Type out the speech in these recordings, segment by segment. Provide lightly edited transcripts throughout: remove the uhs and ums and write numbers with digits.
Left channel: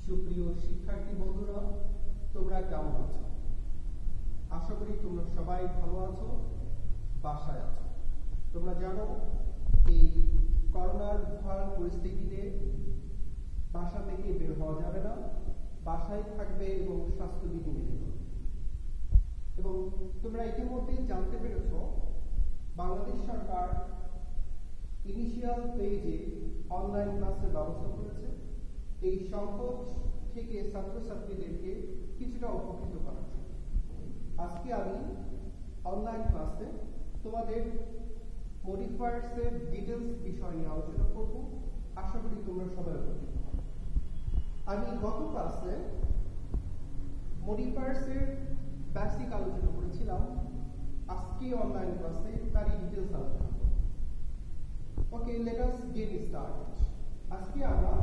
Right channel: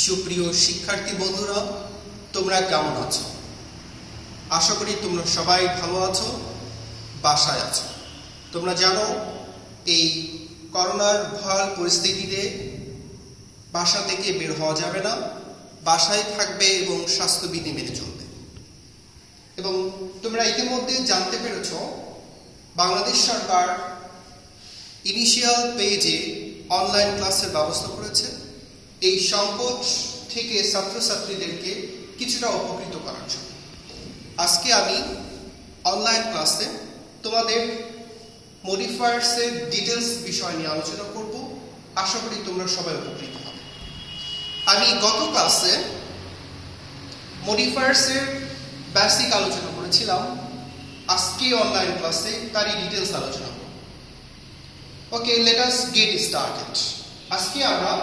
সুপ্রিয় শিক্ষার্থী বন্ধুরা, তোমরা কেমন আছো? আশা করি তোমরা সবাই ভালো আছো, বাসায় আছো। তোমরা জানো এই করোনার ভয়াল পরিস্থিতিতে বাসা থেকে বের হওয়া যাবে না, বাসায় থাকবে এবং স্বাস্থ্যবিধি মেনে চলবে। এবং তোমরা ইতিমধ্যে জানতে পেরেছ বাংলাদেশ সরকার ইনিশিয়াল পেজে অনলাইন ক্লাসের ব্যবস্থা করেছে এই সংকট থেকে ছাত্রছাত্রীদেরকে কিছুটা উপকৃত করার জন্য। আজকে আমি অনলাইন ক্লাসে তোমাদের মডিফায়ার্সের ডিটেলস বিষয় নিয়ে আলোচনা করব। আশা করি তোমরা সবাই উপকৃত হবে। আমি গত ক্লাসে মডিফায়ার্সের বেসিক আলোচনা করেছিলাম, আজকে অনলাইন ক্লাসে তারই ডিটেলস আলোচনা করব। Okay, let us get started. আজকে আমরা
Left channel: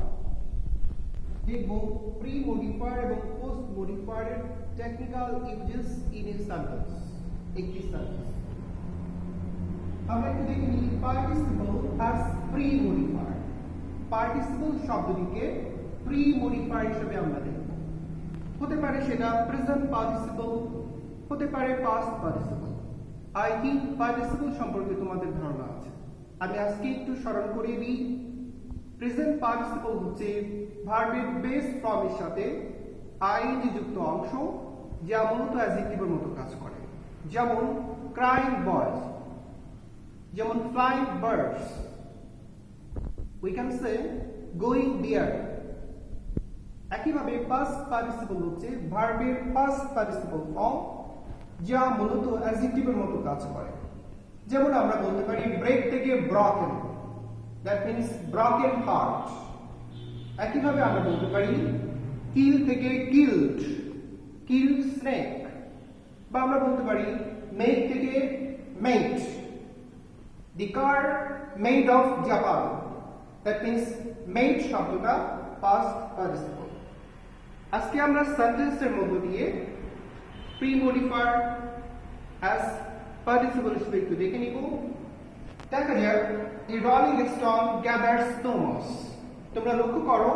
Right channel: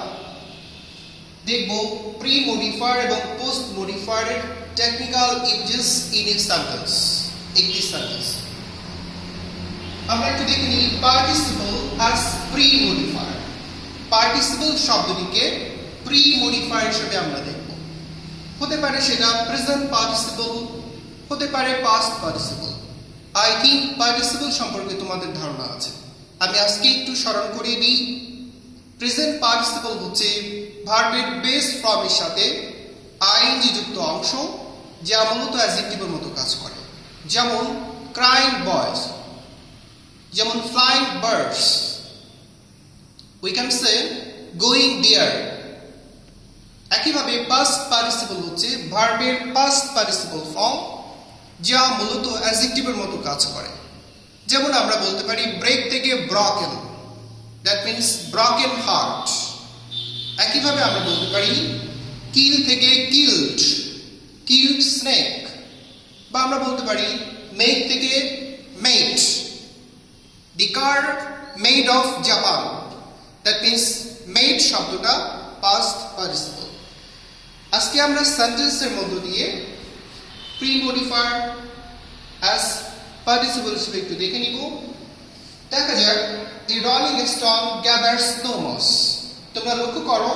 দেখব প্রি মডিফায়ার এবং পোস্ট মডিফায়ারের technical uses in a sentence, একটি সেন্টেন্স। আমরা একটু দেখে নিই participle as pre modifier. Participle শব্দটিকে প্রি মডিফায়ার হিসেবে আমরা দেখব। হতে পারে সেটা প্রেজেন্ট পার্টিসিপল, হতে পারে past participle. I think participle সম্পর্কে তোমাদের ধারণা আছে। আমি আজকে একটু স্মরণ করিয়ে দিই। প্রেজেন্ট পার্টিসিপল হচ্ছে ভার্বের বেস ফর্মের সাথে আইএনজি যুক্ত অংশ, যা মূলত অ্যাডজেক্টিভের মতো কাজ করে। যেমন ক্রাইং বয়স, যেমন flying birds. We can say going there. একইভাবে পাস্ট পার্টিসিপল হচ্ছে ভার্বের পাস্ট পার্টিসিপল ফর্ম, যা মূলত অ্যাডজেক্টিভের মতো কাজ করে। যেমন আমরা বলতে পারি ব্রেক থেকে broken, that means broken heart. একইভাবে আমরা বলতে পারি কিল থেকে কিল্ড, কিল্ড স্নেক। বা আমরা বলতে পারি মেক থেকে made, the car made of Japan, that means made শব্দটা পাস্ট পার্টিসিপল। আজকে আমরা সেন্টেন্সের মধ্য দিয়ে প্রি মডিফায়ার অ্যাজ পার্টিসিপল হিসেবে একটু দেখে নিব। দেখা যাক the rolling stone gathers no moss. তোমরা লক্ষ্য করো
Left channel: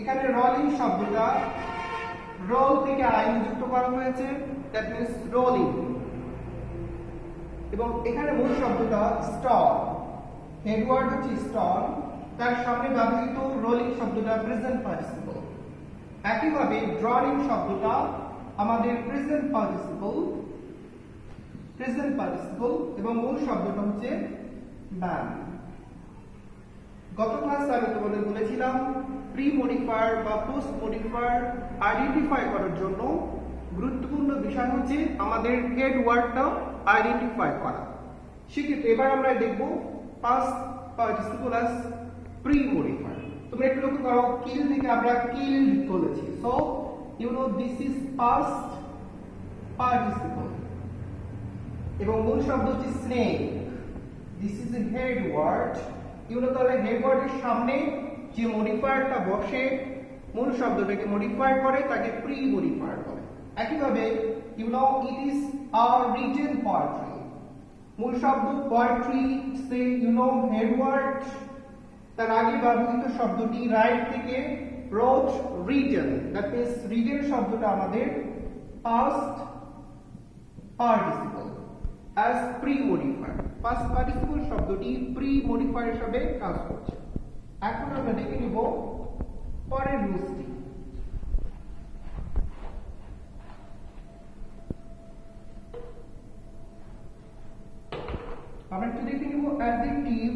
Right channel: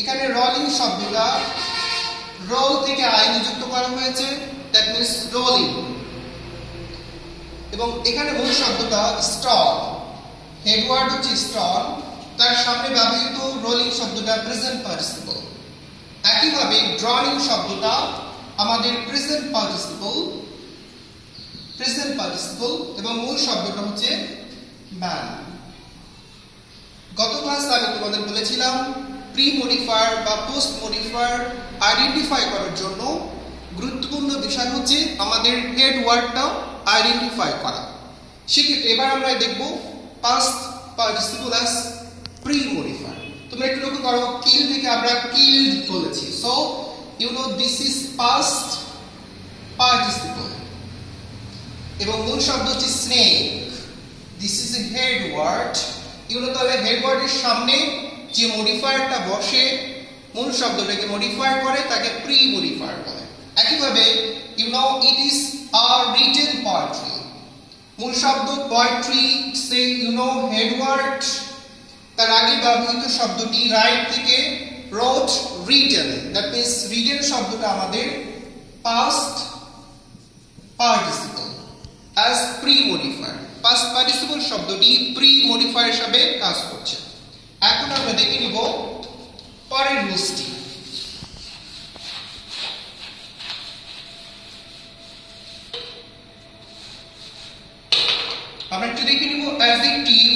এখানে রলিং শব্দটা রোল থেকে আইনি যুক্ত করা হয়েছে, দ্যাট মিন্স রোলিং। এবং এখানে মূল শব্দটা স্টন, হেডওয়ার্ড হচ্ছে স্টন, তার সামনে ব্যবহৃত রোলিং শব্দটা প্রেজেন্ট পার্টিসিপল। একইভাবে ড্রলিং শব্দটা আমাদের প্রেজেন্ট পার্টিসিপল এবং মূল শব্দটা হচ্ছে ম্যান। গত ক্লাসে আমি তোমাদের বলেছিলাম প্রি মডিফায়ার বা পোস্ট মডিফায়ার আইডেন্টিফাই করার জন্য গুরুত্বপূর্ণ বিষয় হচ্ছে আমাদের হেড ওয়ার্ডটা আইডেন্টিফাই করা। সেক্ষেত্রে এবার আমরা দেখব past participle as pre modifier. তোমরা একটু লক্ষ্য করো, কিল থেকে আমরা কিল্ড বলেছি, so you know this is past participle. এবং মূল শব্দ হচ্ছে snake, this is a head word. এগুলো তাহলে হেড ওয়ার্ডের সামনে যে মডিফায়ারটা বসে মূল শব্দটাকে মডিফাই করে তাকে প্রি মডিফায়ার বলে। একইভাবে you know it is a written poetry. মূল শব্দ poetry, say you know head word, তার আগে ব্যবহৃত শব্দটি রাইট থেকে wrote written, that means written শব্দটা আমাদের past participle as pre modifier. Past participle শব্দটি প্রি মডিফায়ার হিসেবে কাজ করছে। এখন আমরা দেখে নিব পরের রুলসটি। আমরা একটু দেখে নিব অ্যাডজেক্টিভ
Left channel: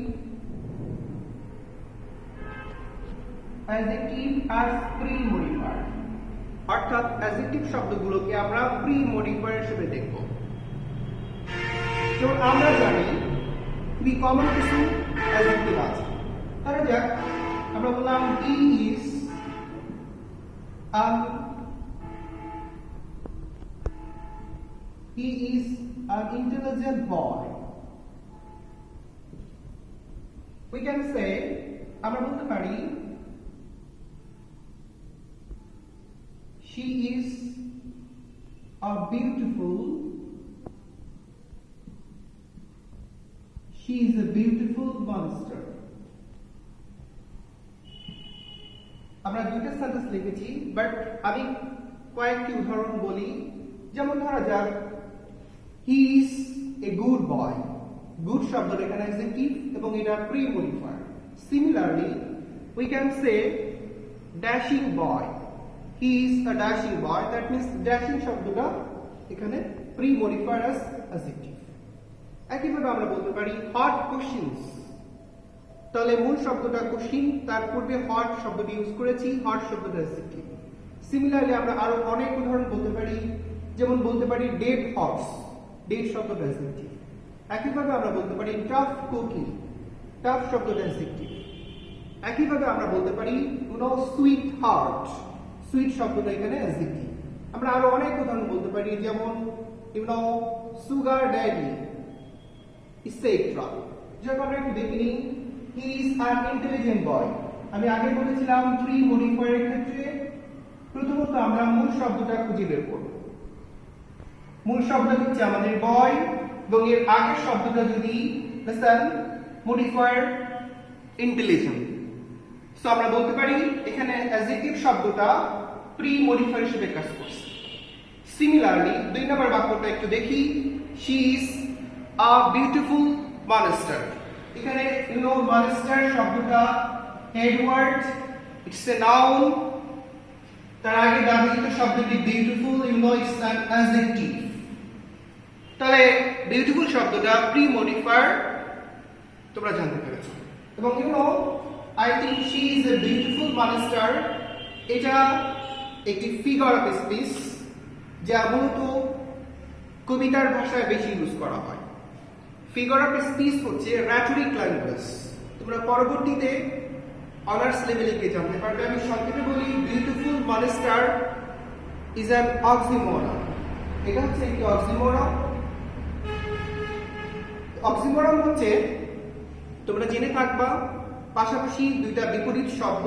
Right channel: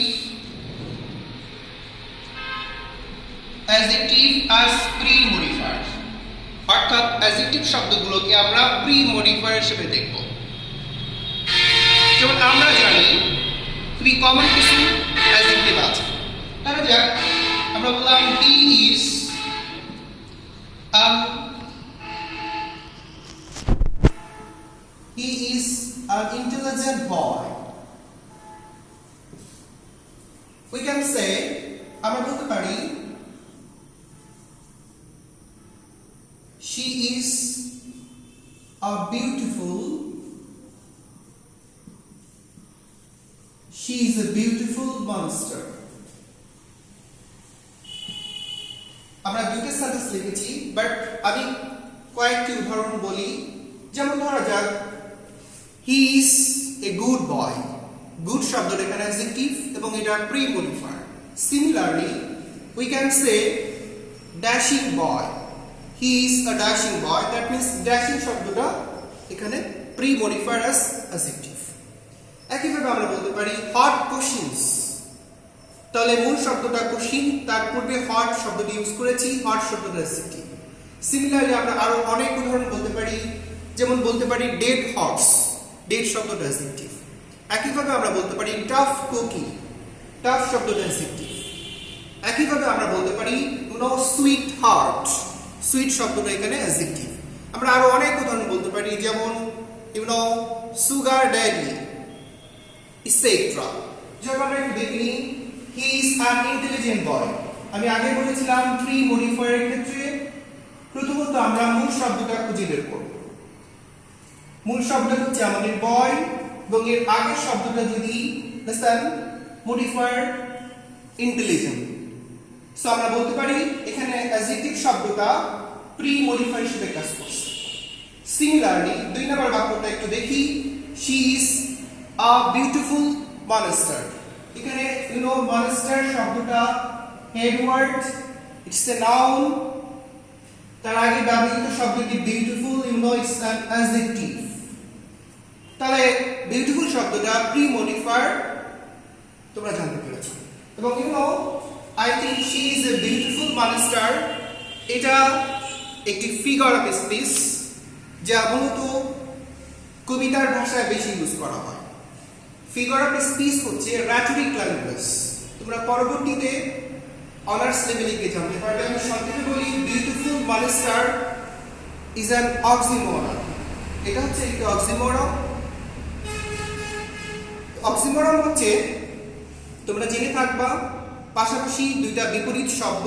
অ্যাজ প্রি মডিফায়ার, অর্থাৎ অ্যাডজেক্টিভ শব্দগুলোকে আমরা প্রি মডিফায়ার হিসেবে দেখব। যেমন আমরা জানি খুবই কমন কিছু অ্যাডজেক্টিভ আছে। ধরা যাক আমরা বললাম he is an intelligent boy. We can say, আমরা বলতে পারি she is a beautiful monster. আমরা দুইটা সেন্টেন্স লিখেছি, বাট আমি কয়েকটি উদাহরণ বলি। যেমন ধরা যাক he is a good boy. Good শব্দটা এখানে অ্যাডজেক্টিভ এবং এটা pre modifier. Similarly we can say dashing boy. He is a dashing boy, that means dashing শব্দটা এখানে প্রি মডিফায়ার অ্যাজ অ্যাডজেক্টিভ। একইভাবে আমরা বলতে পারি হট কোশ্চিনস। তাহলে মূল শব্দটা কোশ্চিন, তার পূর্বে হট শব্দটি ইউজ করেছি, হট শব্দটা অ্যাডজেক্টিভ। সিমিলারলি আমরা আরো অনেক উদাহরণ বলতে পারি, যেমন বলতে পারি ডেড হর্স। ডেড শব্দটা অ্যাডজেক্টিভ। একইভাবে আমরা বলতে পারি টাফ কুকি। টাফ শব্দটা অ্যাডজেক্টিভ। একইভাবে আমরা বলতে পারি সুইট হার্ট। সুইট শব্দটা এখানে অ্যাডজেক্টিভ। আমরা আরো অনেক উদাহরণ বলতে পারি, যেমন সুগার ড্যাডি ইসেট্রা। যখন আমরা একটু দেখি হি ইজ অ্যান ইন্টেলিজেন্ট বয়। আমি আগে বলেছিলাম প্রি মডিফায়ারের ক্ষেত্রে প্রথমত আমরা মূল শব্দটা খুঁজে বের করব। মূল শব্দটা হচ্ছে আমাদের বয় এবং এর আগের শব্দটা যদি লিসেন মডিফায়ার ইন্টেলিজেন্ট। সো আমরা বলতে পারি এখানে অ্যাডজেক্টিভ শব্দটা প্রি মডিফায়ার হিসেবে কাজ করছে। সিমিলারলি দুই নম্বর বাক্যটা একটু দেখি, she is a beautiful monster. এখানে মনস্টার শব্দটা head word, it's a noun. তার আগে ব্যবহৃত শব্দটি বিউটিফুল, ইটস অ্যান অ্যাডজেক্টিভ। তাহলে বিউটিফুল শব্দটা প্রি মডিফায়ার, তোমরা জানতে পেরেছো। এবং I think she is a beautiful monster, এটা একটি ফিগার অফ স্পিচ যা মূলত কবিতার ভাষায় বেশি ইউজ করা হয়। ফিগার অফ স্পিচ হচ্ছে র্যাটরিক ল্যাঙ্গুয়েজ। তোমরা পরবর্তীতে অনার্স লেভেলে গিয়ে জানতে পারবে। আমি সংক্ষেপে বলি, beautiful monster is an oxymoron. এটা হচ্ছে একটি অক্সিমোরন। অক্সিমোরন হচ্ছে তোমরা জেনে থাকবা পাশাপাশি দুইটা বিপরীত শব্দ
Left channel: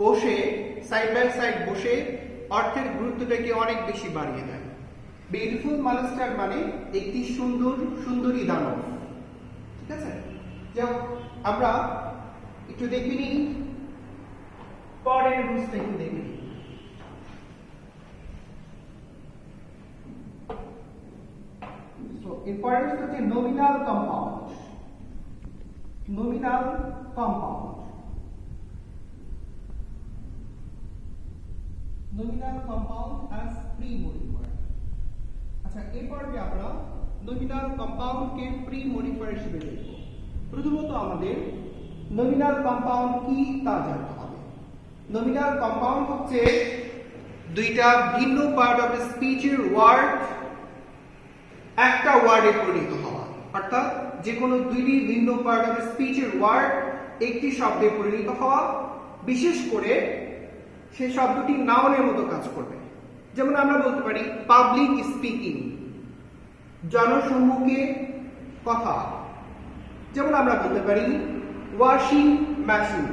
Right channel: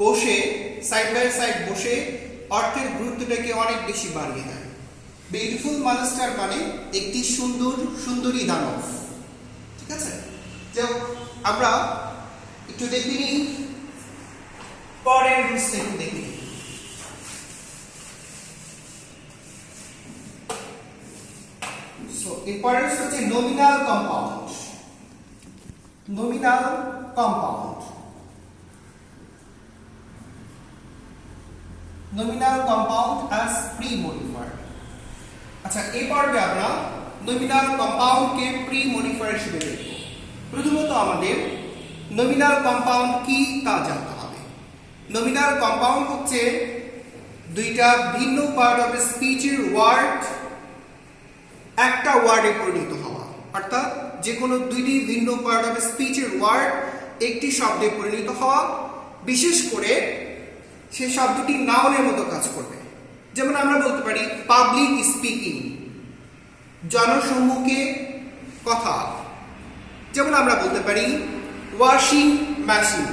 বসে সাইড বাই সাইড বসে অর্থের গুরুত্বটাকে অনেক বেশি বাড়িয়ে দেয়। বিউটিফুল মনস্টার মানে একটি সুন্দরী দানব। ঠিক আছে, যাও আমরা একটু দেখি নি পরের রুলসটা একটু দেখি। সো এরপরের হচ্ছে nominal compound. Nominal compound. Nominal compound as pre modifier. আচ্ছা, এই পর্বে আমরা নমিনাল কম্পাউন্ডকে প্রি মডিফায়ার হিসেবে দেখব। প্রথমত আমাদের নমিনাল কম্পাউন্ড কি তা জানতে হবে। নমিনাল কম্পাউন্ড হচ্ছে দুইটা ভিন্ন পার্ট অফ স্পিচের ওয়ার্ড একটা ওয়ার্ডে পরিণত হওয়া, অর্থাৎ যে কোনো দুইটি ভিন্ন পার্ট অফ স্পিচের ওয়ার্ড একটি শব্দে পরিণত হওয়া, বিশেষ করে সেই শব্দটি নাউনের মতো কাজ করবে। যেমন আমরা বলতে পারি পাবলিক স্পিকিং, জনসম্মুখে কথা। যেমন আমরা বলতে পারি ওয়াশিং মেশিন,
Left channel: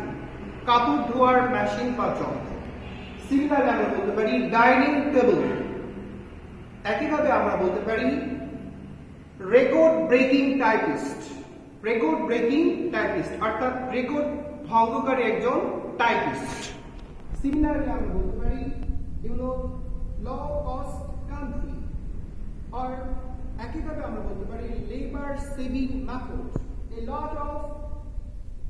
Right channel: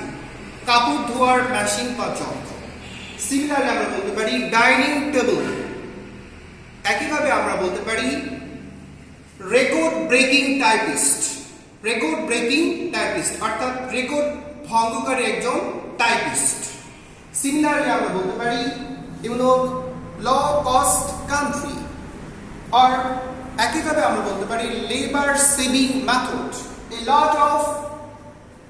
কাপড় ধোয়ার মেশিন বা যন্ত্র। সিমিলারলি আমরা বলতে পারি ডাইনিং টেবিল। একইভাবে আমরা বলতে পারি record breaking typist. Record breaking typist অর্থাৎ রেকর্ড ভঙ্গকারী একজন টাইপিস্ট। সিমিলারলি আমরা বলতে পারি লো কস্ট কান্ট্রি, আর একইভাবে আমরা বলতে পারি labour saving method. A lot of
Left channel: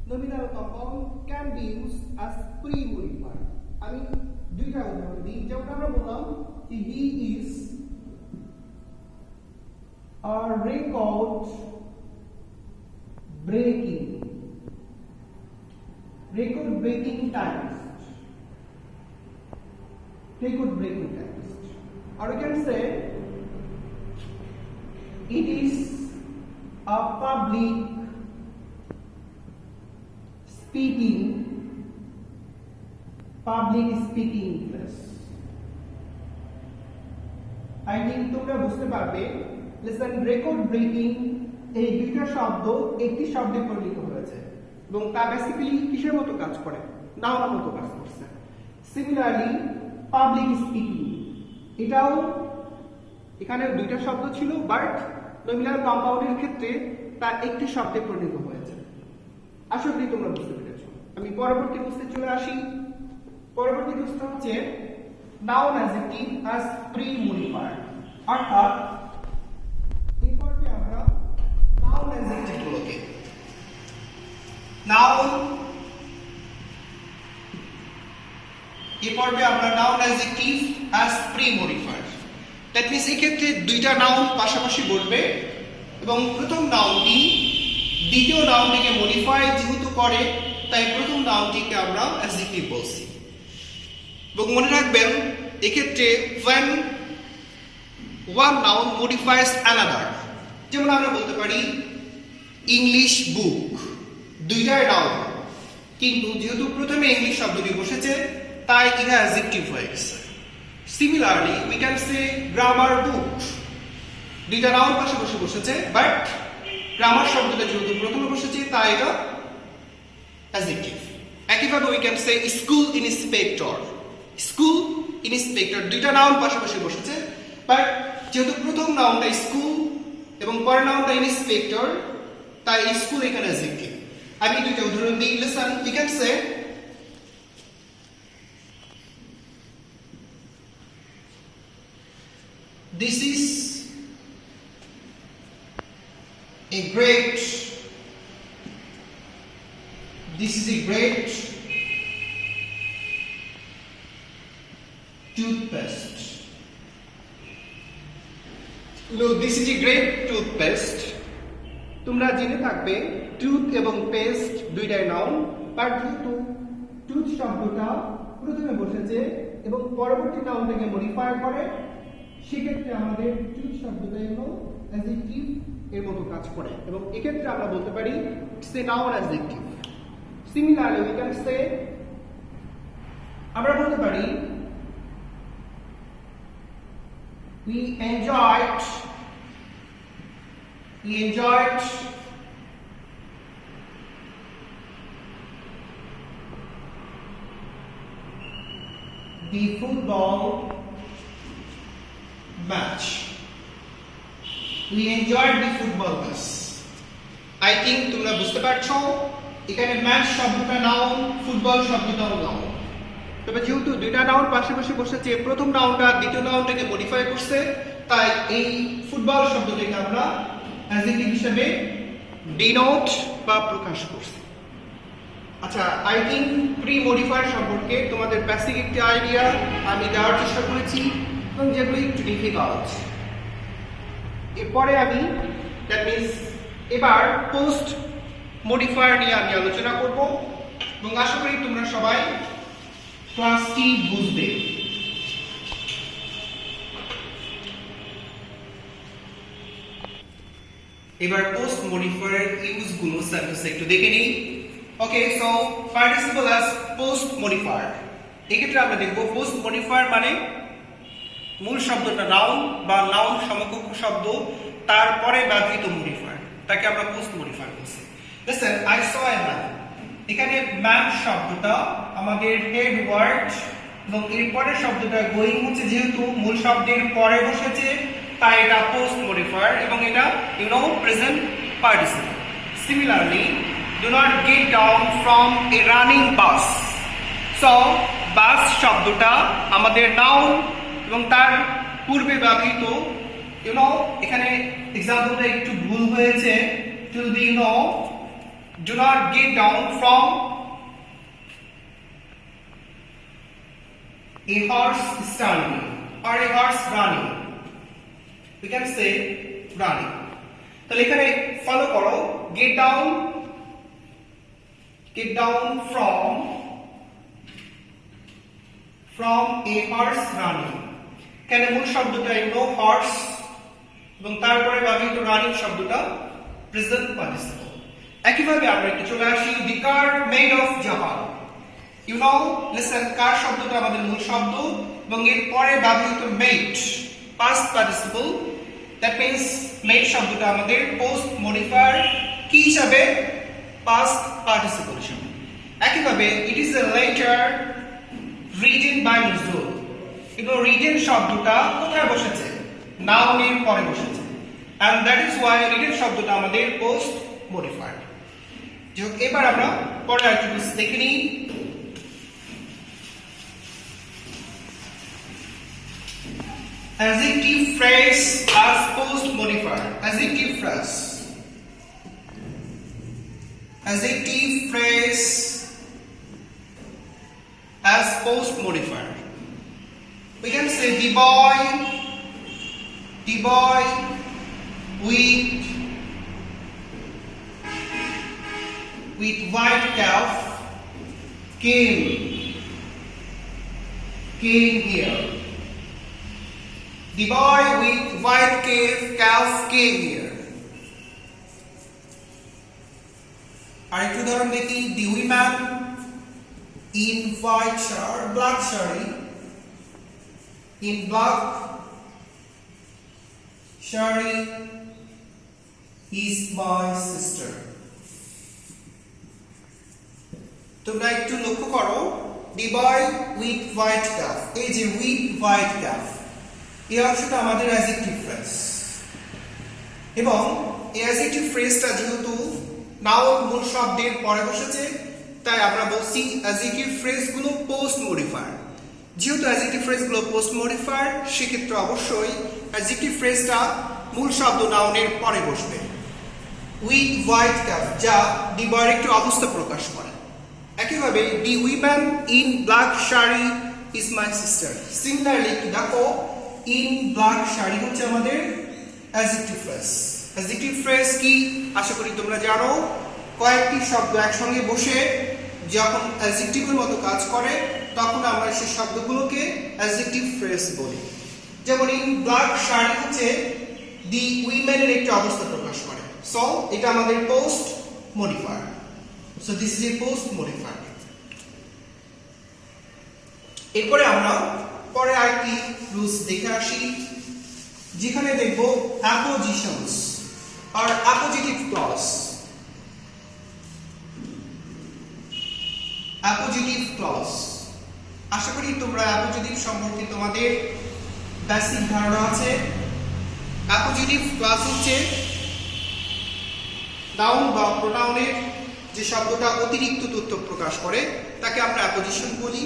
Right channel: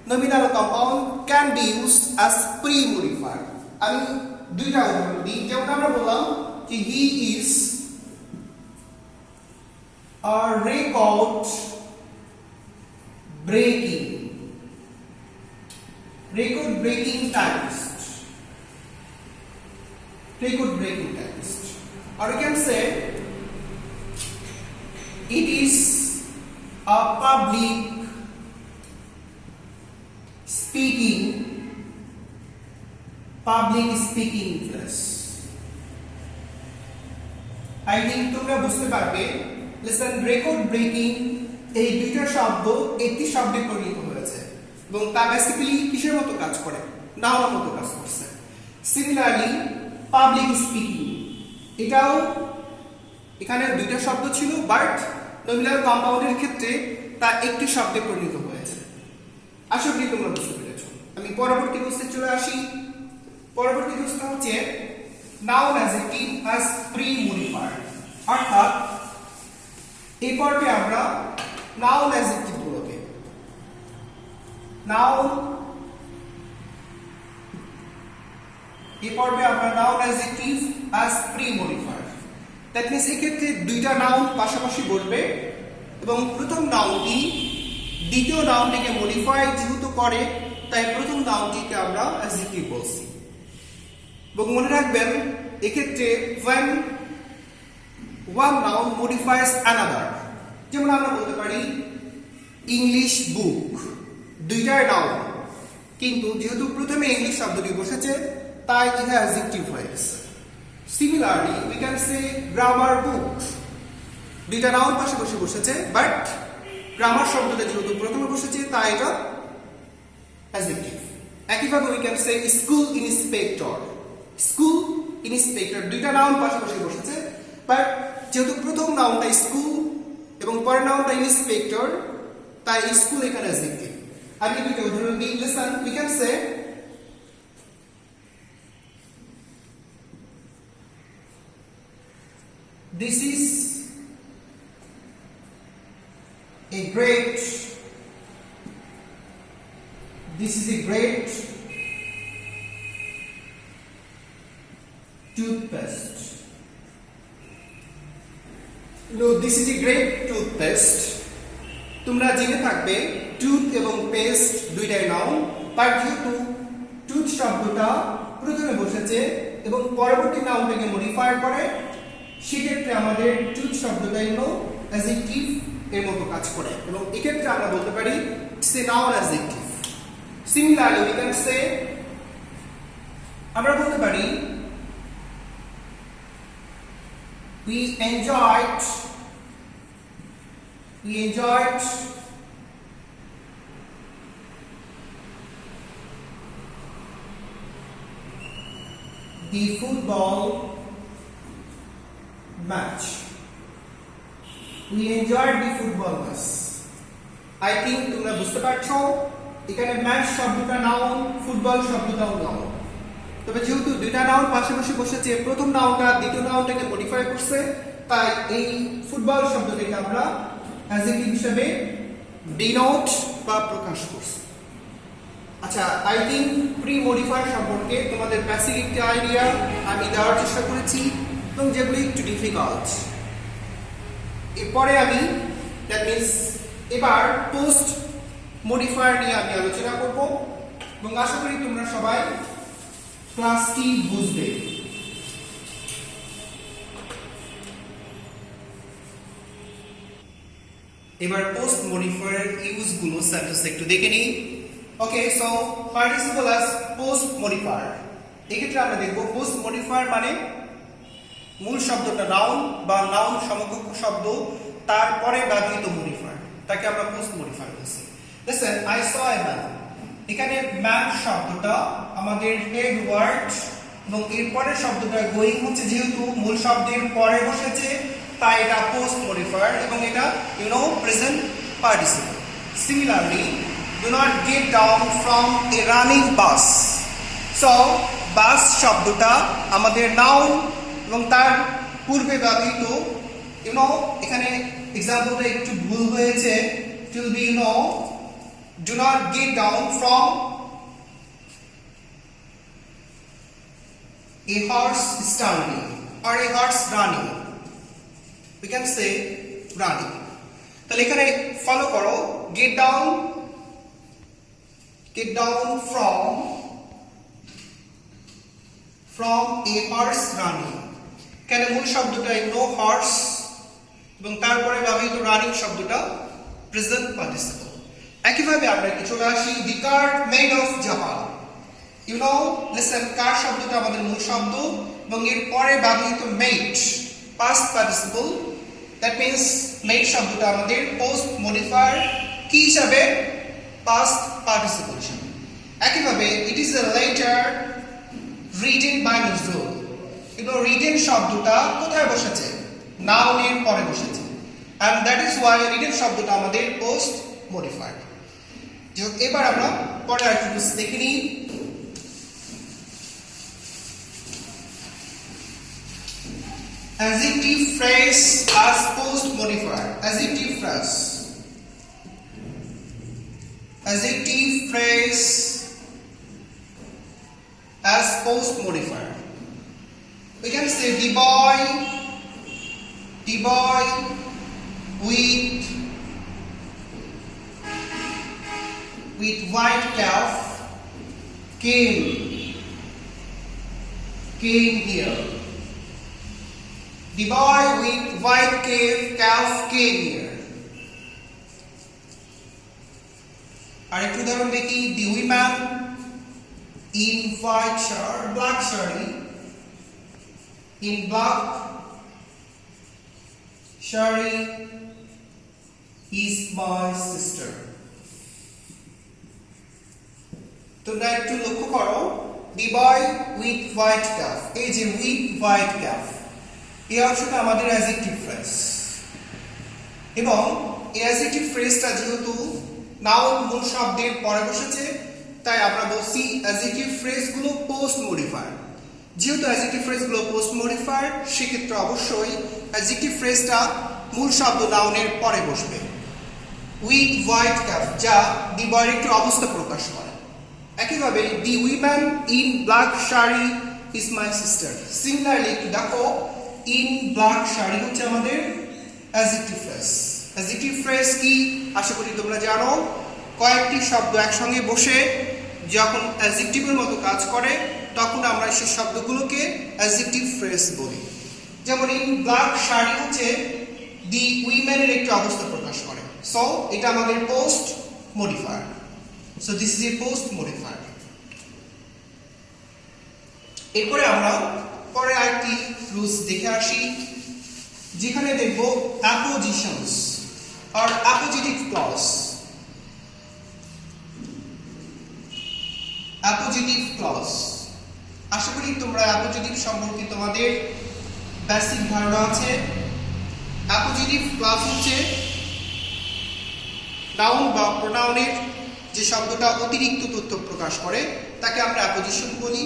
nominal compound can be used as pre-modifier. আমি দুইটা উদাহরণ দিই। যেমন আমরা বললাম যে he is a record breaking typist. Record breaking typist. Or you can say it is a public speaking class. I think তোমরা বুঝতে পারবে। লিসেন, রেকর্ড ব্রেকিং এই দুইটা শব্দ একটি শব্দে পরিণত হয়েছে এবং তা বেসিক্যালি কিসের মতো কাজ করে? নাউনের মতো কাজ করছে। সিমিলারলি পাবলিক স্পিকিং, এটাও এখানে দুইটা শব্দ ছিল, বাট নমিনাল কম্পাউন্ডের ক্ষেত্রে তা একটি শব্দে পরিণত হয়েছে। আশা করি তোমরা বুঝতে পেরেছো। আমি পরবর্তী প্রশ্নে চলে আসি। পরবর্তী প্রশ্ন হচ্ছে নাউন অ্যাডজেক্টিভ অ্যাজ প্রি-মডিফায়ার, অর্থাৎ এই পর্বে আমরা নাউন অ্যাডজেক্টিভ গুলোকে noun adjective as pre-modifier, that means এই ক্ষেত্রে দুইটা নাউন পাশাপাশি বসবে এবং প্রথম নাউনটি দ্বিতীয় নাউনটিকে মডিফাই যেহেতু করে তাই প্রথম নাউনটিকে আমরা অ্যাডজেক্টিভ বলছি। এবং মনে রাখবেন এক্ষেত্রে when one noun modifies another, যেমন আমরা বলতে পারি ইংলিশ বুক, দুইটাই নাউন কিন্তু যেহেতু প্রথমে ইংলিশ শব্দটি বসেছে তাই এটা অ্যাডজেক্টিভ হয়ে গেছে। Similarly we can say grammar book, দুইটা নাউন পাশাপাশি বসেছে বাট গ্রামার শব্দটা যেহেতু প্রথমে বসেছে তাই এটা অ্যাডজেক্টিভ। একইভাবে we can say school inspector, school inspector, দুইটা নাউন পাশাপাশি বসেছে বাট যেহেতু প্রথম নাউনটা স্কুল এবং পরের নাউনটা ইন্সপেক্টর তাই স্কুল এখানে অ্যাডজেক্টিভ। আমি দুইটা উদাহরণ দিই, listen, we can say this is a great toothpaste. Look, this is a great toothpaste. তোমরা জেনে থাকবে টুথ এবং পেস্ট দুইটাই নাউন, বাট যেহেতু টুথ শব্দটা প্রথমে বসেছে এবং পরবর্তী নাউনটাকে মডিফাই করে সেক্ষেত্রে আমাদের টুথ শব্দটা হলো অ্যাডজেক্টিভ এর মতো কাজ করে এবং এক্ষেত্রে আমরা বলতে পারি it's a noun adjective. Similarly we can সে, আমরা বলতে পারি we enjoyed the football match. We enjoyed the football match. I think তোমরা বুঝতে পারছো এখানে ম্যাচ শব্দটা নাউন, ফুটবল শব্দটাও নাউন। তবে যেহেতু দুইটা নাউন পাশাপাশি বসেছে, প্রথম নাউনটা দ্বিতীয় নাউনটাকে মডিফাই করছে তাই এই ফুটবল শব্দটাকে আমরা অ্যাডজেক্টিভ হিসেবে ডিনোট বা প্রকাশ করছি। আচ্ছা, আই থিঙ্ক প্রি মডিফায়ার সম্পর্কে তোমাদের বেসিক একটা আইডিয়া আমি দেওয়ার চেষ্টা করেছি এবং যেগুলো একটু ডিফিকাল্ট। এরপরে আমি দ্যাট মিনস এবার পোস্ট মডিফায়ার নিয়ে আমি আলোচনা করব এবং আশা করি তোমরা সবাই ক্লাসটি বুঝবে। এবার পোস্ট মডিফায়ার ইউজ গুলো সেন্টেন্স একটু দেখে নিই। Okay, so participle as post modifier, এক্ষেত্রে আমরা দেখব পোস্ট মডিফায়ার মানে মূল শব্দটা নাউন বা নাউন সমকক্ষ শব্দ তারপরে ব্যবহৃত মডিফায়ার, তাকে আমরা পোস্ট মডিফায়ার বলছি। Listen, I saw a man, এখানে ম্যান শব্দটা আমাদের হেড ওয়ার্ড এবং এরপরের শব্দটা গোয়িং হচ্ছে যেহেতু মূল শব্দের পরে বসেছে তাই এটা পোস্ট মডিফায়ার এবং এটা present participle. Similarly, do not get down from a running bus. So বাস শব্দটা আমাদের নাউন এবং তার পূর্বে ব্যবহৃত এখানে এক্সাম্পলটা একটু ভুল হয়েছে, it will be do not get down from a horse standing or a horse running. We can say running. তাহলে এখানে ফলো করো, get down from a horse running, এখানে মূল শব্দটা হর্স এবং তারপরে ব্যবহৃত রানিং শব্দটা প্রেজেন্ট পার্টিসিপল। একইভাবে আমরা একটু চলে আসি দি কার মেড অফ জাপান। লিসেন, কার শব্দটা আমাদের মূল শব্দ এবং এর পরে ব্যবহৃত made past participle, that means made শব্দটা আমাদের পোস্ট মডিফায়ার কি হিসাবে পাস্ট পার্টিসিপল হিসাবে। একইভাবে it is a letter written by Nazrul, কিন্তু রিটেন শব্দটা কোথায় বসেছে? নাউনের পরে বসেছে, and that is why written শব্দটা আমাদের পোস্ট মডিফায়ার। এবার আমরা পরের আরেকটু দেখে নিই। Adjective phrase as post modifier. Adjective phrase. Adjective phrase as post modifier. We can say the boy with white calf came here. The boy with white calf came here. আরেকটু উদাহরণ দেখি। The woman in white shirt, black shari, in black shari is my sister. তোমরা একটু লক্ষ্য করো, the boy with white calf, এই যে with white calf, এই অংশটা আমাদের অ্যাডজেক্টিভ ফ্রেজ, এবং এই অ্যাডজেক্টিভ ফ্রেজটা যেহেতু নাউন মূল শব্দের পরে বসেছে, তাই আমরা বলছি অ্যাডজেক্টিভ ফ্রেজগুলো পোস্ট মডিফায়ার। যেহেতু অ্যাডজেক্টিভ ফ্রেজগুলো পোস্ট মডিফায়ার, সেক্ষেত্রে অবশ্যই অ্যাডজেক্টিভ ফ্রেজটা মূল শব্দ নাউনের পরে বসবে। উইথ হোয়াইট ক্যাপ, যা দি বয়ের একটি অবস্থা প্রকাশ করে। একইভাবে the woman in black sari is my sister. Similarly দেখো, ইন ব্ল্যাক শাড়ি হচ্ছে আমাদের অ্যাডজেক্টিভ ফ্রেজ। অ্যাডজেক্টিভ ফ্রেজ কি আশা করি তোমরা জানো। কয়েকটি শব্দ একসঙ্গে বসে যখন অ্যাডজেক্টিভের মতো কাজ করে, তখন আমরা সেই শব্দগুলোকে অ্যাডজেক্টিভ ফ্রেজ বলি। যেমন ইন ব্ল্যাক শাড়ি হচ্ছে দি উইমেনের একটি অবস্থা প্রকাশ করে। সো এটা আমাদের post modifier. So this is A post modifier. এরপরে আমরা পরে আরেকটি রুলস দেখে আসি, যেখানে দেখব অ্যাপোজিশনস আর অ্যাপোজিটিভ ক্লজ। অ্যাপোজিটিভ ক্লজ, আশা করি তোমরা অ্যাপোজিটিভ সম্পর্কে তোমাদের বেসিক ধারণা আছে। অ্যাপোজিটিভ ক্লজ হচ্ছে নাউন বা প্রোনাউনের যে শব্দটা অতিরিক্ত তথ্য প্রকাশ করে, তাকে আমরা অ্যাপোজিশন বলি।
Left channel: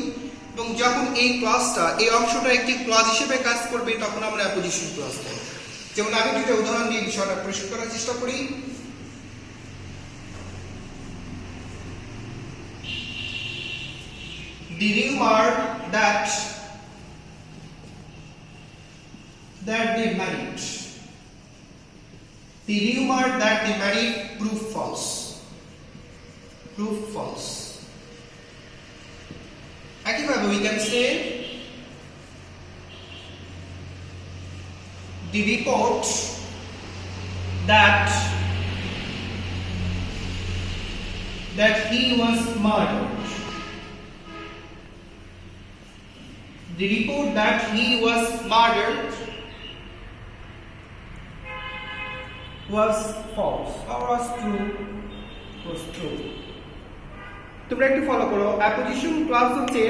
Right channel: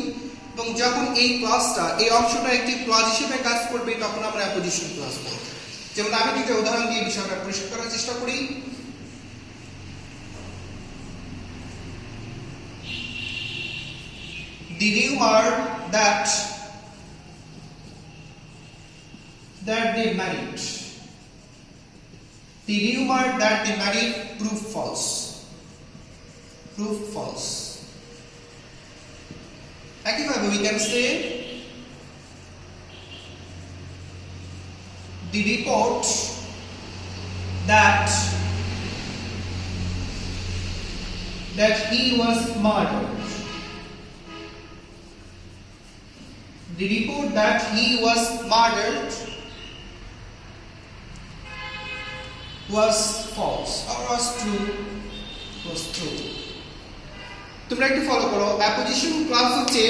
এবং যখন এই ক্লজটা, এই অংশটা একটি ক্লজ হিসেবে কাজ করবে, তখন আমরা অ্যাপোজিশন ক্লজ বলি। যেমন আমি দুটো উদাহরণ দিয়ে বিষয়টা পরিষ্কার করার চেষ্টা করি। The rumor that they married. The rumor that they married proved false. Proved false. একইভাবে we can say the report that he was murdered. The report that he was murdered was false or was true. Was true. তোমরা একটু follow করো। Apposition clause হচ্ছে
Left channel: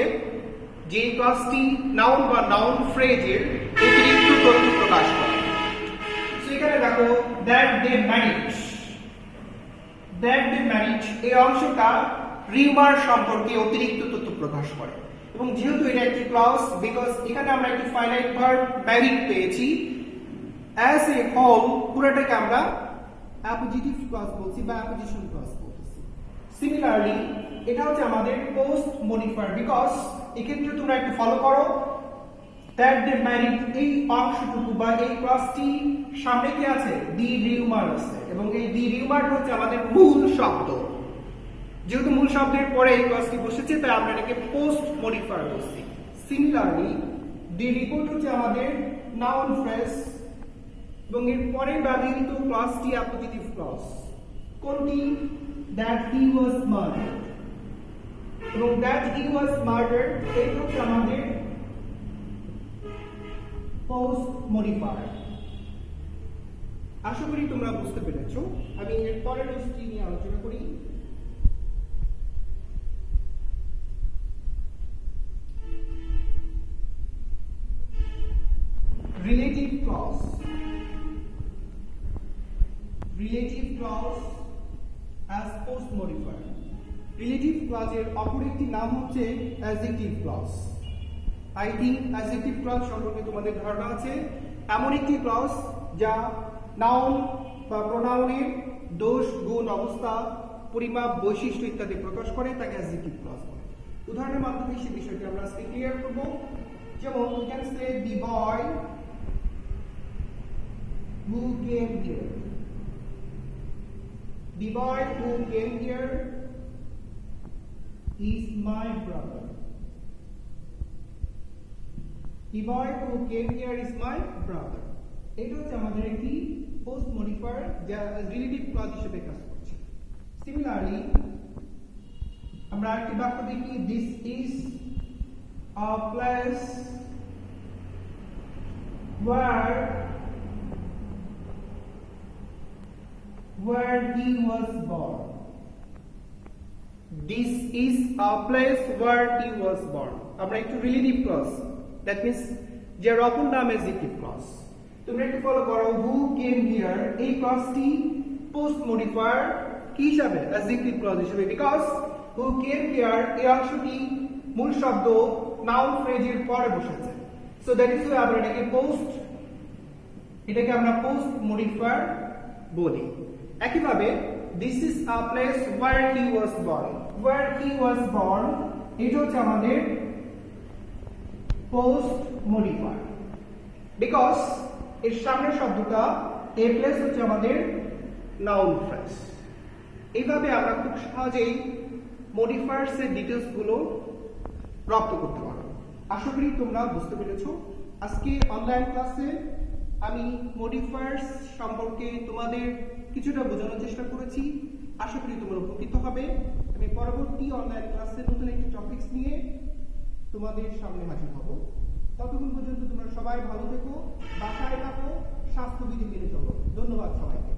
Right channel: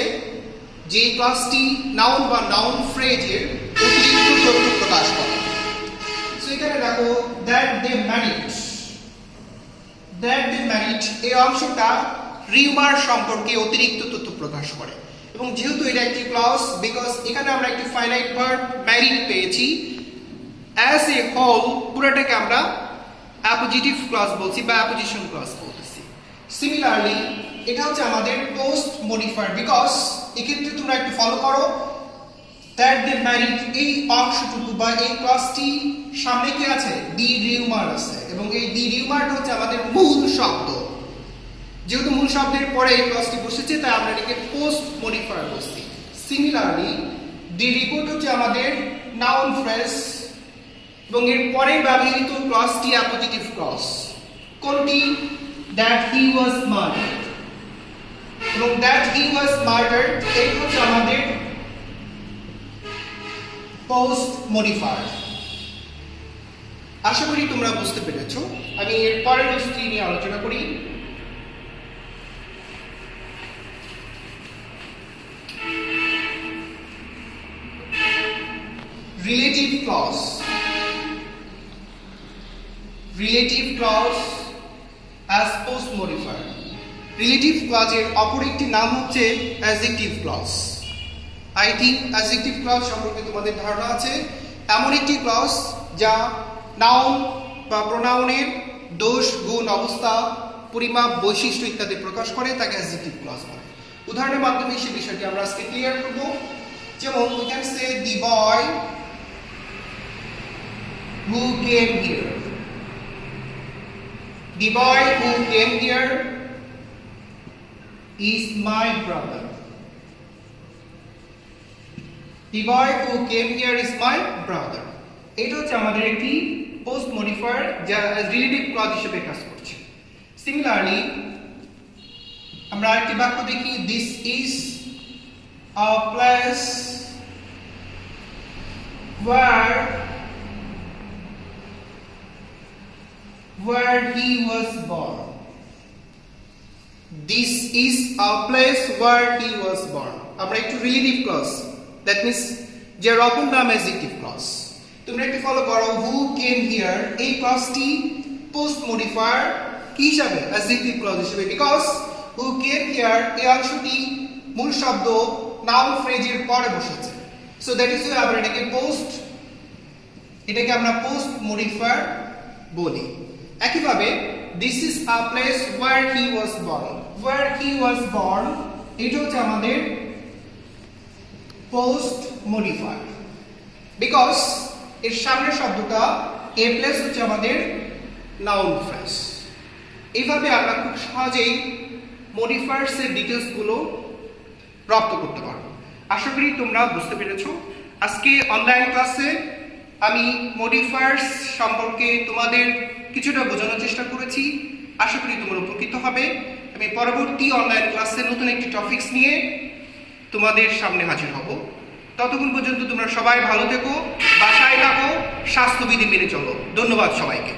যে ক্লজটি noun বা noun ফ্রেজের অতিরিক্ত তথ্য প্রকাশ করে। সো এখানে দেখো দ্যাট দে ম্যারিড, এই অংশটা রিউমার সম্পর্কে অতিরিক্ত তথ্য প্রকাশ করে। এবং যেহেতু এটা একটি ক্লজ, বিকজ এখানে আমরা একটি ফাইনাইট ভার্ব ম্যারিড পেয়েছি, অ্যাজ এ হোল পুরোটাকে আমরা অ্যাপোজিটিভ ক্লজ বলছি বা অ্যাপোজিশন ক্লজ বলতেছি। সিমিলারলি এটা হচ্ছে আমাদের পোস্ট মডিফায়ার, বিকজ এক্ষেত্রে তোমরা একটু ফলো করো, দ্যাট দে ম্যারিড এই অংশটুকু বা এই ক্লজটি সামনে কি আছে? দি রিউমার আছে, এবং এই দি রিউমারটা হচ্ছে আমাদের মূল শব্দ। যেহেতু মূল শব্দের পরে এই ক্লজটি বসেছে, তাই আমরা এটাকে পোস্ট মডিফায়ার বলছি। সিমিলারলি দি রিপোর্ট হচ্ছে আমাদের নাউন ফ্রেজ, এবং এর পরে ব্যবহৃত ক্লজটি অ্যাপোজিটিভ ক্লজ। কোনটি? দ্যাট হি ওয়াজ মার্ডার্ড, এবং দ্যাট হি ওয়াজ মার্ডার্ড এই হচ্ছে আমাদের পোস্ট মডিফায়ার। আশা করি তোমরা বুঝতে পেরেছো। আমি এর পরের রুলসটি নিয়ে আলোচনা করি। Relative clause. Relative clause as post modifier. Relative ক্লজের অপর একটি নাম হচ্ছে adjective clause. I think adjective clause সম্পর্কে তোমাদের ধারণা আছে। এমন একটি ক্লজ যা নাউন বা প্রোনাউনের দোষ, গুণ, অবস্থা, পরিমাপ, বৈশিষ্ট্য ইত্যাদি প্রকাশ করে, তাকে অ্যাডজেক্টিভ ক্লজ বলে। উদাহরণের মাধ্যমে সেই বিষয়টি আমরা আজকে ক্লিয়ার করব। যেমন we can say the boy who came here. The boy who came here is my brother. The boy who came here is my brother. এটা হচ্ছে আমাদের একটি পোস্ট মডিফায়ার যা রিলেটিভ ক্লজ হিসেবে কাজ করছে। সিমিলারলি আমরা আরেকটি বাক্য দেখি, this is a place where he was born. This is a place where he was born. আমরা একটু রিলেটিভ ক্লজ, দ্যাট মিন্স যে অপর নাম অ্যাডজেক্টিভ ক্লজ। তোমরা একটু ফলো করো, হু কেম হিয়ার, এই ক্লজটি পোস্ট মডিফায়ার কি হিসাবে? অ্যাডজেক্টিভ ক্লজ হিসেবে, বিকজ হু কেম হিয়ার এই অংশটি মূল শব্দ নাউন ফ্রেজের পরে বসেছে। সো দ্যাট ইজ আমরা এটাকে আমরা পোস্ট মডিফায়ার বলি। একইভাবে this is a place where he was born. Where he was born এটা হচ্ছে আমাদের পোস্ট মডিফায়ার, বিকজ এর সামনের শব্দটা এ প্লেস হচ্ছে আমাদের নাউন ফ্রেজ। এইভাবে আমরা খুব সহজেই মডিফায়ার্স এর ডিটেইলস গুলো রপ্ত করতে পারবো। আশা করি তোমরা বুঝতে পেরেছো। আজকে অনলাইন ক্লাসে আমি মডিফায়ার্স সম্পর্কে তোমাদের কিছুটা বোঝানোর চেষ্টা করেছি। আশা করি তোমরা উপকৃত হবে। আমি পরবর্তী অনলাইন ক্লাসে নতুন একটি টপিকস নিয়ে তোমাদের সামনে হাজির হব। ততক্ষণ পর্যন্ত তোমরা সবাই ভালো থেকো, বাসায় থাকো, স্বাস্থ্যবিধি মেনে চলো। ধন্যবাদ সবাইকে।